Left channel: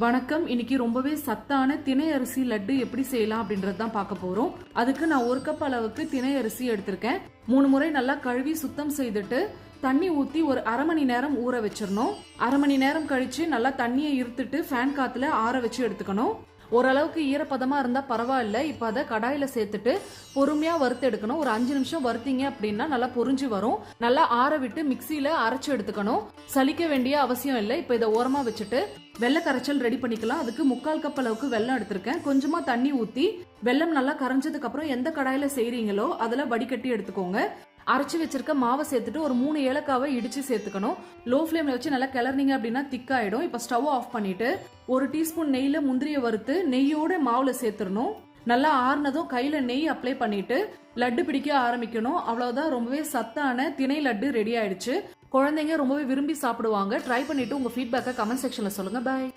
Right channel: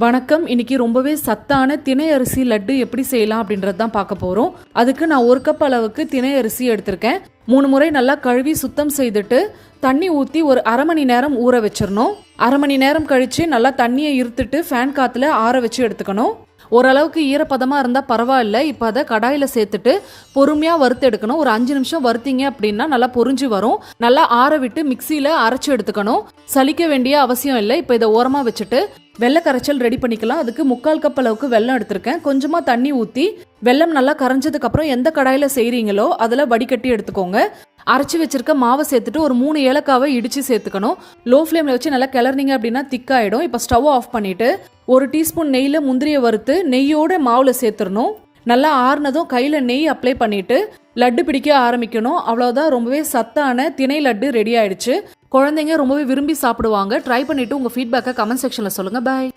வணக்கம். இன்னைக்கு ரொம்பவே சத்தான திணை அரிசி லட்டு எப்படி செய்யலாம் அப்படின்றது தான் பார்க்க போகிறோம் அதுக்கு நான் ஒரு கப் அளவுக்கு திணை அரிசி எடுத்திருக்கேன். மூணு முறை நல்லா கழுவி சுத்தம் செய்துட்டு தண்ணி ஊற்றி ஒரு அரை மணி நேரம் ஊற வச்சிடணும். அரை மணி நேரம் கழித்து நல்லா தண்ணியை இருத்துட்டு ஃபேன் காற்றுல ஆற வச்சு எடுத்துக்கணும். ஓரளவுக்கு ஈரப்பதமாக இருந்தால் பரவாயில்ல. இப்போ அதை கடாயில் சேர்த்துட்டு பொறுமையாக வறுத்து எடுக்கணும். ஒரு அஞ்சு நிமிஷம் வறுத்தீங்க அப்படின்னா நல்லா பொரிஞ்சு வரும். நல்லா ஆற விட்டு மிக்சியில் அரைச்சி எடுத்துக்கணும். சலிக்க வேண்டிய அவசியம் இல்லை. இப்போ இதை ஓரமாக வச்சுட்டு வெள்ளை கரைச்சல் ரெடி பண்ணிக்கலாம். அதுக்கு முக்கால் கப் அளவுக்கு வெல்லம் எடுத்திருக்கேன். கொஞ்சமாக தண்ணி ஊற்றி வெல்லம் நல்லா கரைஞ்சதுக்கு அப்புறம் எந்த கடாயில் செய்கிறீங்களோ அதில் வடிகட்டி எடுத்துக்கோங்க. அரைச்சி வச்சிருக்க மாவை சேர்த்துட்டு ஒரு மூணு ஏலக்காவை இடித்து சேர்த்துக்கணும். லோ ஃப்ளேமில் வச்சு நல்லா கிளறினீங்க அப்படின்னா திக்காயிடும். இப்போ ஸ்டவ் ஆஃப் பண்ணிவிட்டு ஒரு டீஸ்பூன் நெய்யில் முந்திரியை வறுத்து நெய்யோட மாவில் சேர்த்துடணும். நல்லா ஆறுனதும் கையில் நெய் அப்ளை பண்ணிவிட்டு லட்டு பிடிக்க ஆரம்பிக்கணும். அவ்வளோதான் ரொம்பவே சத்தான திணை லட்டு ரெடி ஆயிடுச்சு. குழந்தைங்க ரொம்பவே விரும்பி சாப்பிடுவாங்க. ட்ரை பண்ணிவிட்டு உங்கள் ஃபீட்பேக்கை கமெண்ட் செக்ஷனில் சொல்லுங்கள் பாய்